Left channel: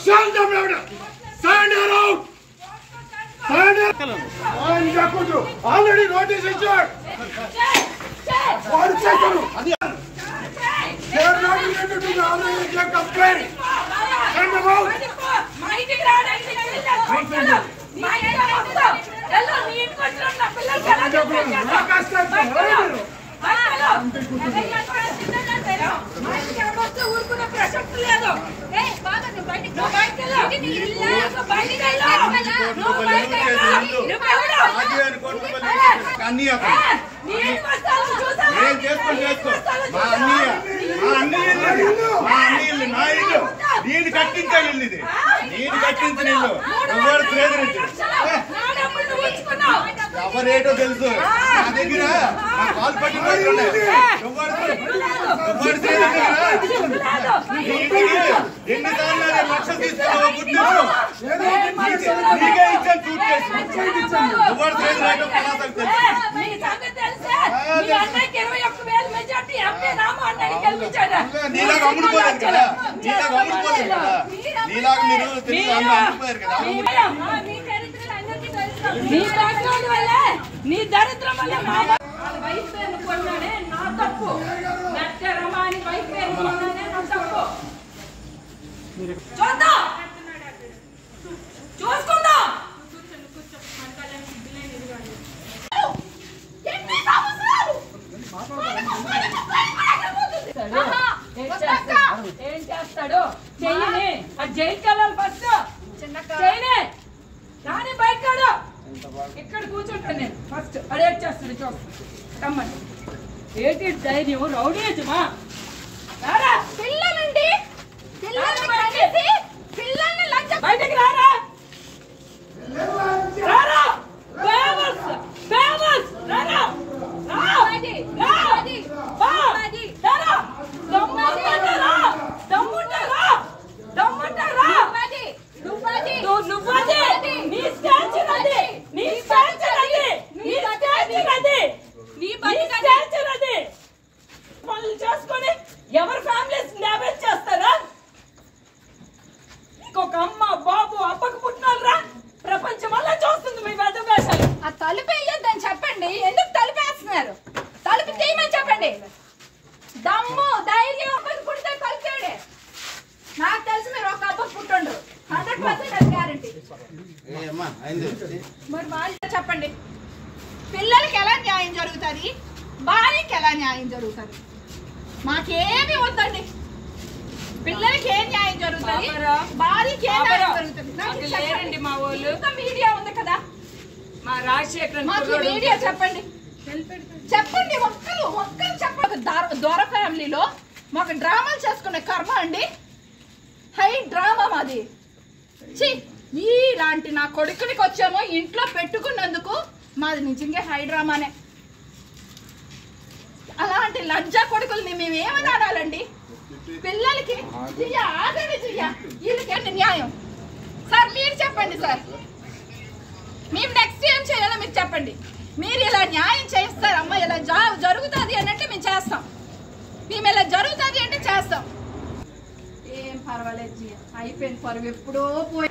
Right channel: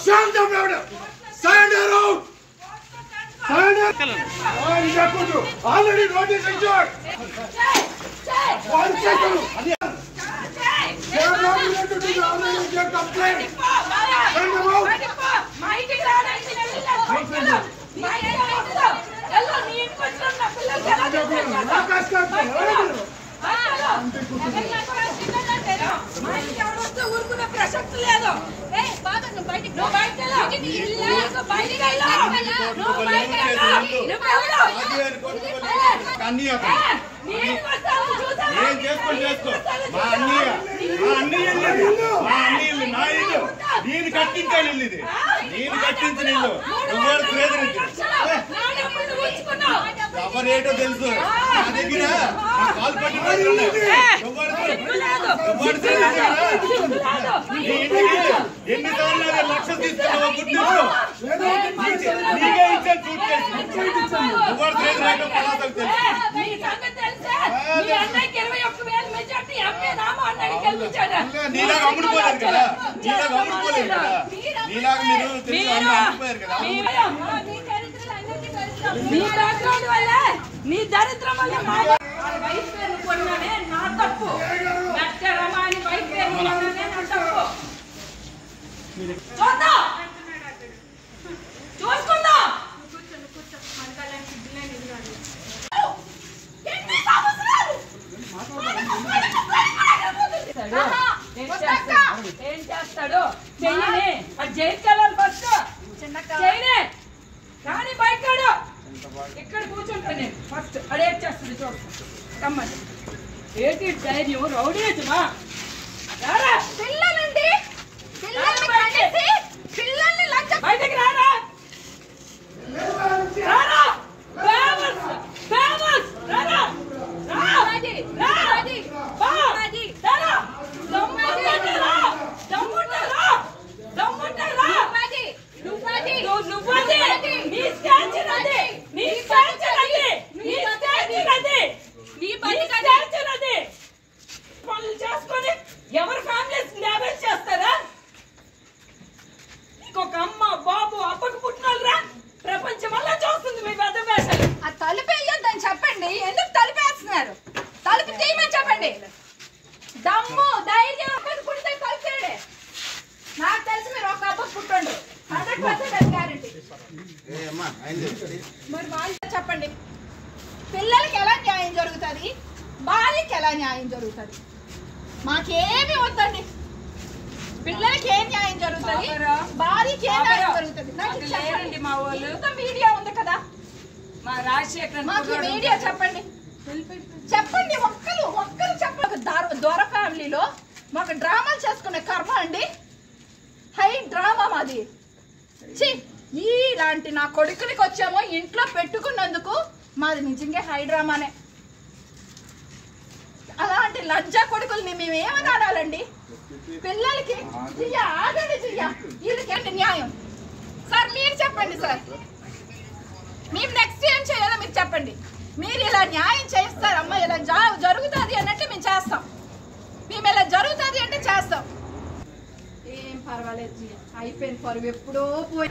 Stand up, brother. Stand around. Stand up. Already notice issued. One second. They are not related to the already complaint. Stand them out. నేను కట్టించాను ఇల్లు ఇది నేను కట్టించిన ఇల్లు ఎవరు ఎవరేటో తెలుసు నా దగ్గర నా కాలు పట్టుకోవాలి ఎన్నిసార్లు లక్షలు తీసుకున్నావు గుర్తింపు నీకే ఇచ్చాను చూట్ చేసి ఎవరు తెలియదు పలాసకు నీలాగా అమ్ముడుపోలేదు కదా నీలాగా అమ్ముడుపోలేదు కదా నీలాగా మీరు తెలిసి అమ్ముడుపోయారు కదా నీ దరిద్రం వల్ల వైఫ్ పేరు కొన్నానే నా తప్పు రమాని వైఫ్ పేరు కొన్నానే నా తప్పు చూద్దాం చూసుకుందాం ఏం చేస్తాడు చెయ్యని జయించాలి ఫస్ట్ చేయనే కానీ బయటకాడు ఇక్కడ కూర్చుంటా నేను ఫస్ట్ అదేం చేస్తుంది చూస్తాను రమ్మని ఏంటి ధైర్యం రౌడీజమా రారా పిల్లలండి బయటకి రారా రారా ఫేమస్ ఫేమస్ రారా చేసుకొని ఎవరి ఫ్యామిలీస్ డ్యామేజ్ చేస్తారా ఇంకొక అమ్మ బాబు అప్పకు పుట్టినోళ్ళరా ప్రపంచం వల్ల చూస్తుంది మీ పెద్ద వేషాలు ఆ తలుపు వేయొద్దని చెప్పండి ఎందుకు తలుపేస్తున్నారు తలుపు తీయమని చెప్పండి దమ్ము ధైర్యం అప్పకు పుడితే తలుపేయండి నాకు తెలిసి మీరు ఒక అప్పకు పుట్టుండు 100% గ్యారంటీ మరి వాళ్ళు చెప్పండి పిల్లలకి ఎలా న్యాయం జరుగుతుంది భార్యకి ఎలా న్యాయం జరుగుతుంది మాకేమీ వద్దండి పిల్లలకి ఏం న్యాయం జరుగుతుంది భార్యకి ఏం న్యాయం జరుగుతుంది మా వాళ్ళు మీడియా ఉంది కదా మా రాజశేఖర్ మాకు మీడియా చెప్పండి చెప్పండి ఒక్కరు చెప్పండి దొర ఫ్యామిలీలో మాకు డ్రామాలు చేసుకునే కర్మ అండి హై డ్రామా మాది ఇలాంటి నా కొడుకునికి వచ్చామో ఇంట్లో పెట్టుకున్నందుకు మాది నిజంగా హై డ్రామానే అలాంటి లజ్జా కొడుకుల్ని మేము ఏమని ఆడాలండి పిల్లలకి ఆగండి వీళ్ళకి న్యాయం సార్ మీరు చెప్పండి సార్ మేము నెక్స్ట్ ఏం చేయాలో మీరు చెప్పండి మీరు ఇలా న్యాయం చేస్తారమ్మా ఇలా జరుగుతుంది అనంటే మేము చేస్తాం మేము ఇలా జరుగుతుంది అంటే చేస్తాం ఏం పర్వాలేదు అయిపోయింది పరువు ఎప్పుడో పోయి